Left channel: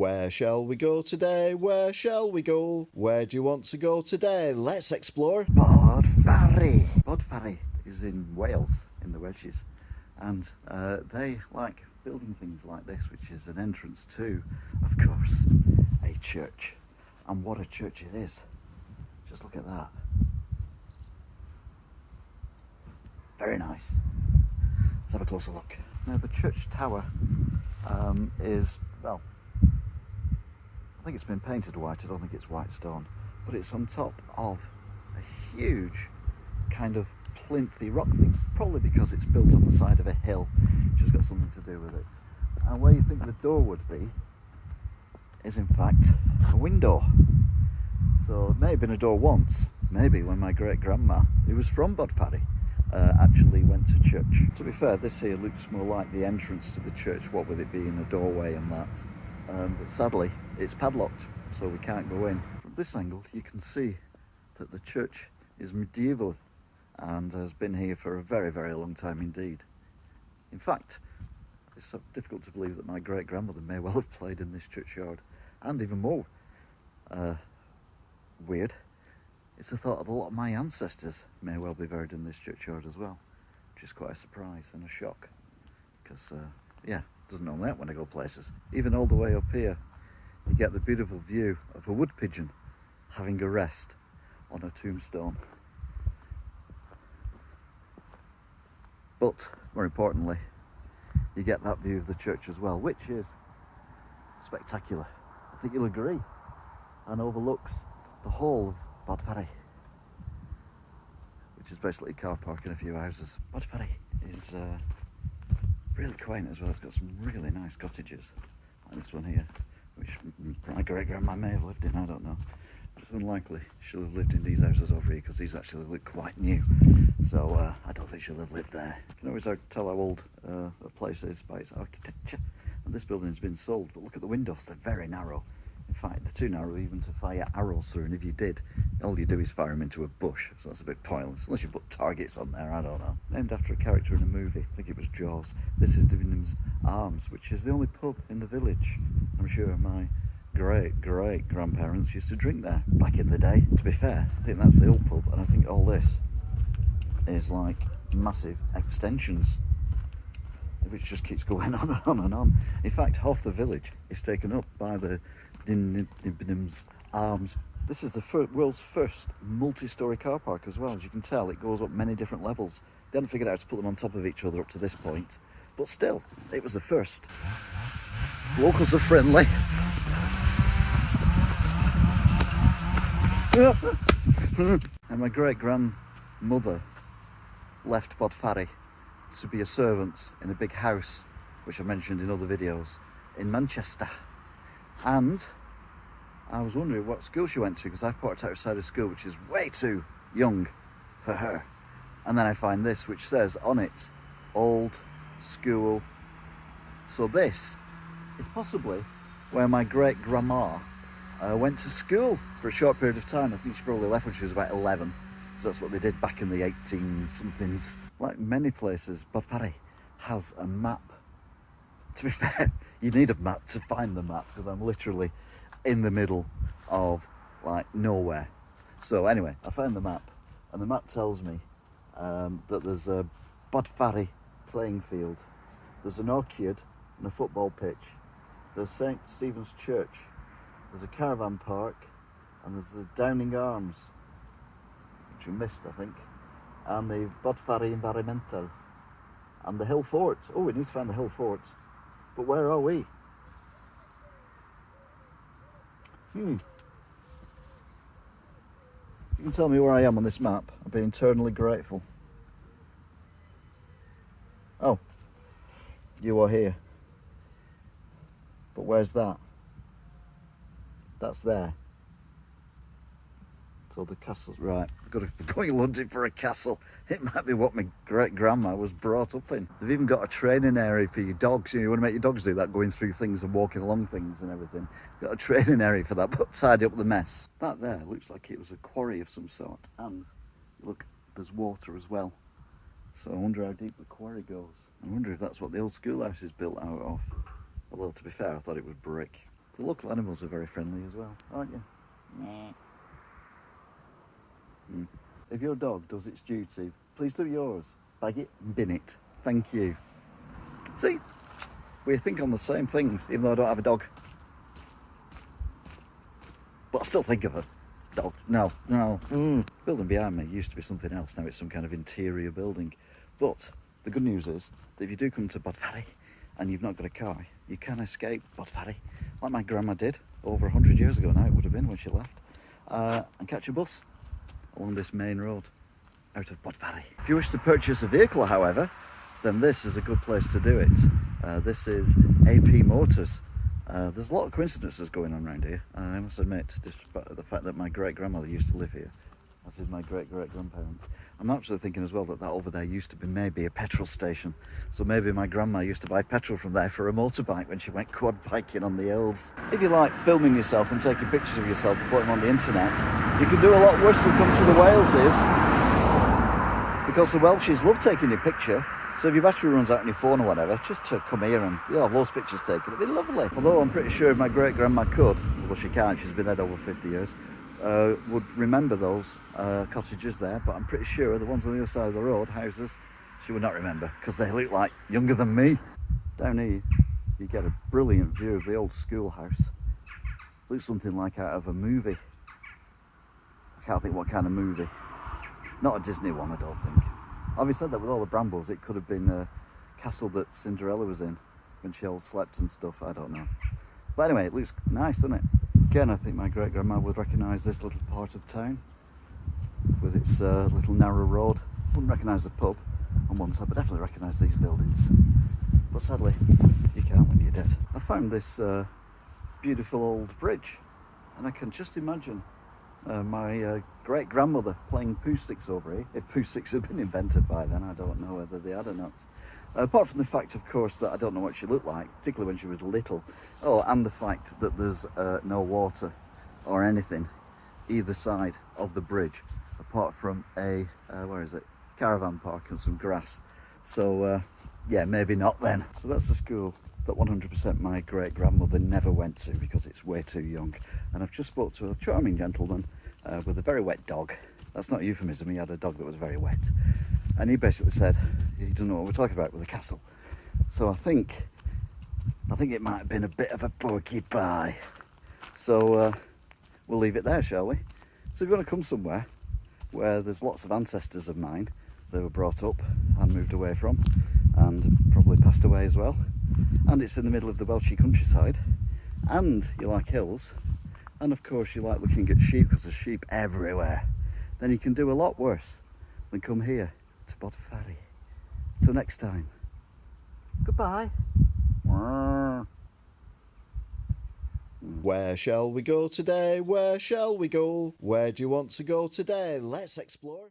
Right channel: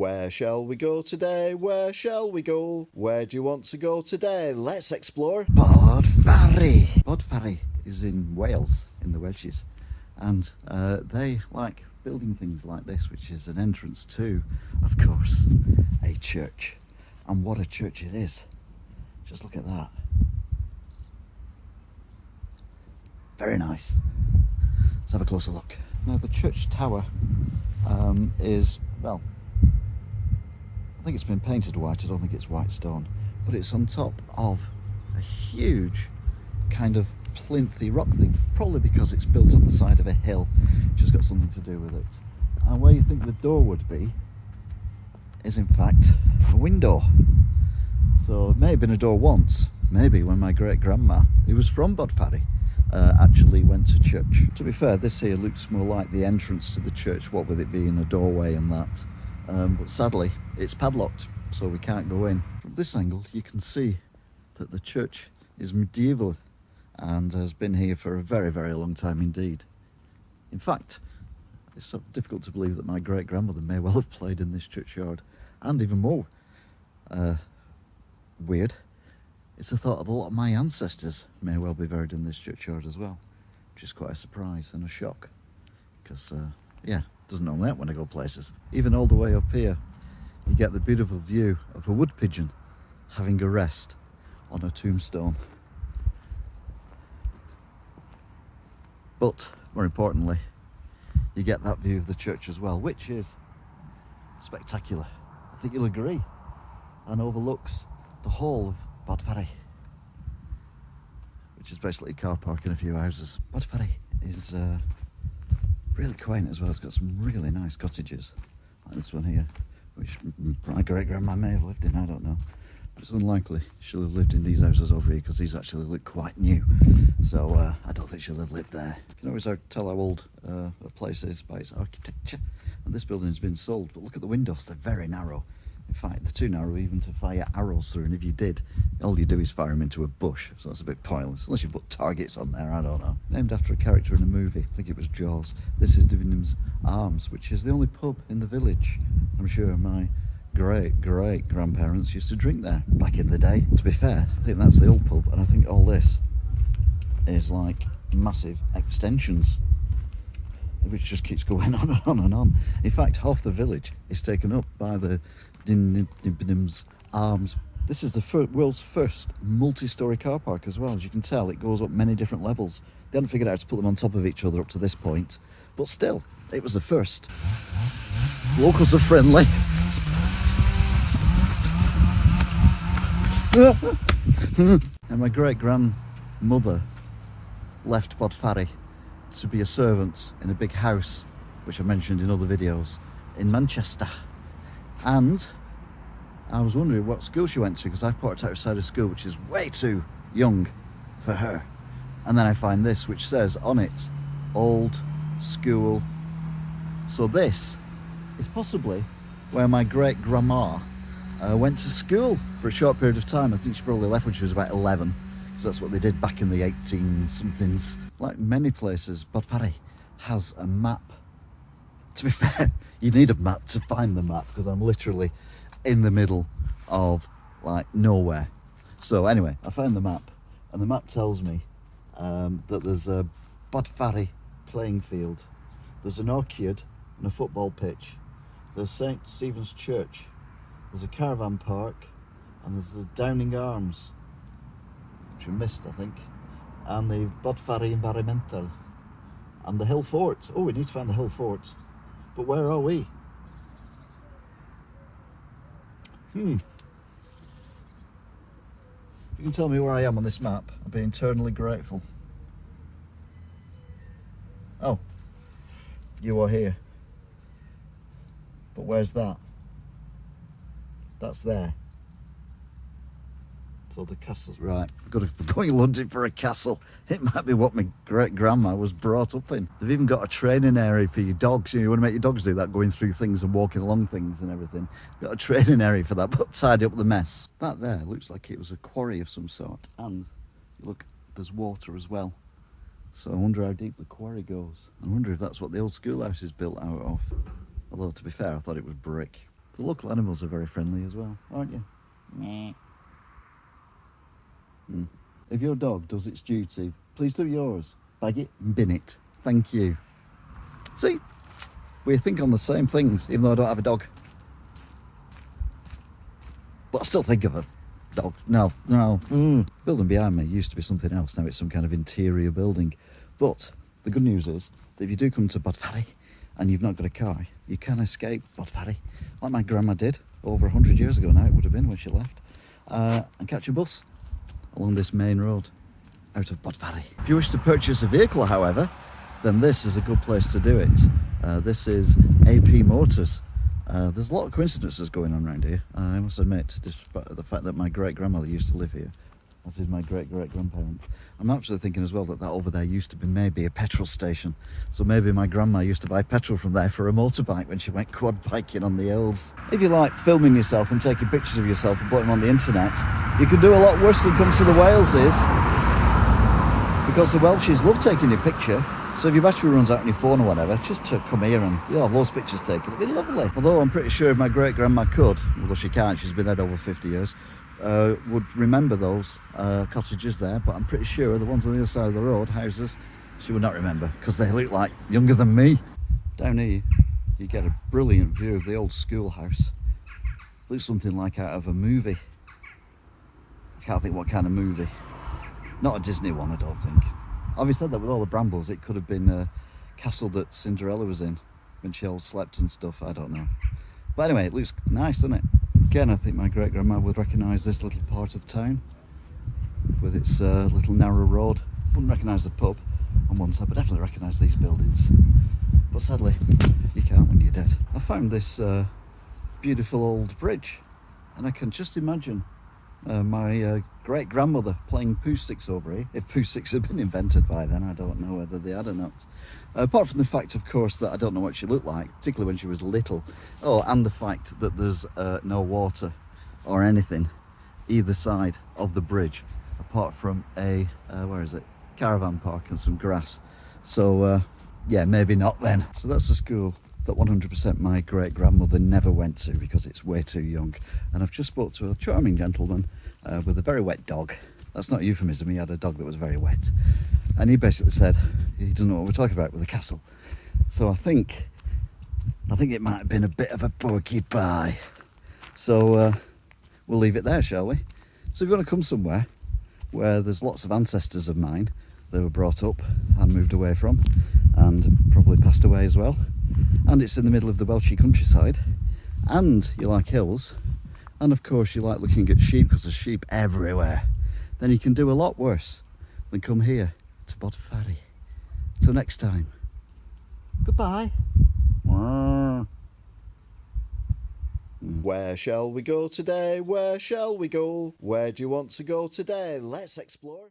Where shall we go today? Where shall we go? Where do you want to go today? Let's explore Bodfari. Bodfari is in Wales, in the Welsh's, and they like building things like this, which is an entrance to, of course, a church. And what a church it is. Just look at that. Very nice. Let's have a closer look. Now the church tower is, well, I think it's been painted white. I don't think it's white stone, but it's on top of a huge kind of plinthy rock thing, probably because it's built on the side of a hill, which has got something to do with it. And where you think the door would be is in fact a window. So it may have been a door once, maybe when my great grandma, who was from Bodfari, actually went to church. To be fair, this here looks more like the entrance to the church, what with it being a doorway and that. But sadly, it's padlocked, so we can't go in. From this angle, you can see that the church is medieval and has been here for a very, very long time indeed. In fact, it's sort of difficult to believe that my great-grandmother may well have played in this churchyard. And even more weird, it's the thought that a lot of my ancestors may well be buried in this churchyard as well, which is quite a surprise and a shock, because, yeah, doesn't normally happen when I go places. Even all the way up here, you get the beautiful view of a wood pigeon having a rest on a tombstone. But more importantly, you get that view of the church as well, which is spectacular. I think you'll agree, and overlooks the whole of Bodfari, which is basically a car park and a few houses. Bodfari is really quaint as well. It's got some really nice cottages, like this one here, which my great-grandma may have lived in, I don't know. It's unlikely she'll have lived in these houses over here, because these actually look quite new. So I don't think she'll have lived there. You can always tell how old a place is by its architecture. And this building has been sold, but look at the windows, they're very narrow. In fact, they're too narrow even to fire arrows through, and if you did, all you do is fire them into a bush, so that's a bit pointless, unless you put targets on there, I don't know. Named after a character in a movie, I think it was Jaws. This is Debenhams Arms, which is the only pub in the village. I'm sure my great-grandparents used to drink there back in the day. To be fair, I think that's the old pub, and I think all this is like massive extensions, which just keeps going on and on and on. In fact, half the village is taken up by the Debenhams Arms. This is the world's first multi-storey car park as well. As you can tell, it goes up many different levels. They haven't figured out how to put them on top of each other up to this point, but still, it was the first. Locals are friendly. And my great-grandmother left Bodfari to be a servant in a big house, which I mentioned in other videos, in Manchester. And I was wondering what school she went to, because I put her outside of school, which is way too young for her. And then I find this, which says on it, old school. So this is possibly where my great-grandma went to school for a short period of time. I think she probably left when she was about 11, because that's what they did back in the 18-somethings. Like many places, Bodfari has a map. To be fair, you need a map to find the map, because I'm literally in the middle of like nowhere. So anyway, I found the map, and the map tells me that there's a Bodfari playing field, there's an orchard and a football pitch, there's St. Stephen's Church, there's a caravan park, and there's the Downing Arms, which we missed, I think, and the Bodfari Environmental, and the Hill Fort. Oh, we need to find the Hill Fort. But where are we? You can tell me where I am on this map. I'll be eternally grateful. Oh, you are here. But where's that? That's there. So the castle's right. I've got to be going London for a castle. It might be what my great-grandma was brought up in. They've even got a training area for your dogs. You know, you want to make your dogs do that, going through things and walking along things and everything. Got a training area for that, but tidy up the mess. That there looks like it was a quarry of some sort. And look, there's water as well. So I wonder how deep the quarry goes. I wonder if that's what the old schoolhouse is built out of. Although, to be fair, I thought it was brick. The local animals are very friendly as well, aren't you? If your dog does its duty, please do yours. Bag it and bin it. Thank you. See, we think on the same things, even though I don't have a dog. But I still think of a dog. No. Building behind me used to be something else. Now it's some kind of interior building. But the good news is that if you do come to Bodfari and you've not got a car, you can escape Bodfari, like my grandma did over 100 years ago now, it would have been when she left, and catch a bus along this main road out of Bodfari. If you wish to purchase a vehicle, however, then this is a good place to do it. This is AP Motors. There's a lot of coincidences going on around here, I must admit, despite the fact that my great-grandmother used to live here, as did my great-great-grandparents. I'm actually thinking as well that over there used to be maybe a petrol station. So maybe my grandma used to buy petrol from there for a motorbike when she went quad biking on the hills. If you like filming yourself and taking pictures of yourself and putting them on the internet, you can do a lot worse than come to the Waleses, because the Welshies love taking your picture. So if your battery runs out on your phone or whatever, just to come here and you'll have loads of pictures taken. It'd be lovely. Although I'm pretty sure if my great-grandma could, although she can't, she's been dead over 50 years, would remember those cottages there, but I'm pretty sure the ones on the other side of the road, houses, she would not remember, because they look like younger than me. Down here, you get a brilliant view of the old schoolhouse. Looks something like out of a movie. I can't think what kind of movie. Not a Disney one, I don't think. Having said that, with all the brambles, it could have been a castle that Cinderella was in when she all slept and stuff, I don't know. But anyway, it looks nice, doesn't it? Again, I think my great-grandma would recognise this little part of town with its little narrow road. Wouldn't recognise the pub on one side, but definitely recognise these buildings. But sadly, you can't when you're dead. I found this beautiful old bridge, and I can just imagine my great-grandmother playing poo sticks over here. If poo sticks had been invented by then, I don't know whether they had or not. Apart from the fact, of course, that I don't know what she looked like, particularly when she was little. Oh, and the fact that there's no water or anything either side of the bridge, apart from a, where is it? Caravan park and some grass. So, yeah, maybe not then. So that's a school that 100% my great-grandmother never went to because it's way too young. And I've just spoke to a charming gentleman with a very wet dog. That's not a euphemism, he had a dog that was very wet. And he basically said he doesn't know what we're talking about with the castle. So I think it might have been a bit of a porcupine. So we'll leave it there, shall we? So if you want to come somewhere where there's lots of ancestors of mine that were brought up and moved away from, and probably passed away as well, and it's in the middle of the Welsh countryside, and you like hills, and of course you like looking at sheep because there's sheep everywhere, then you can do a lot worse than come here to Bodfari. Till next time, goodbye. Where shall we go today? Where shall we go? Where do you want to go today? Let's explore.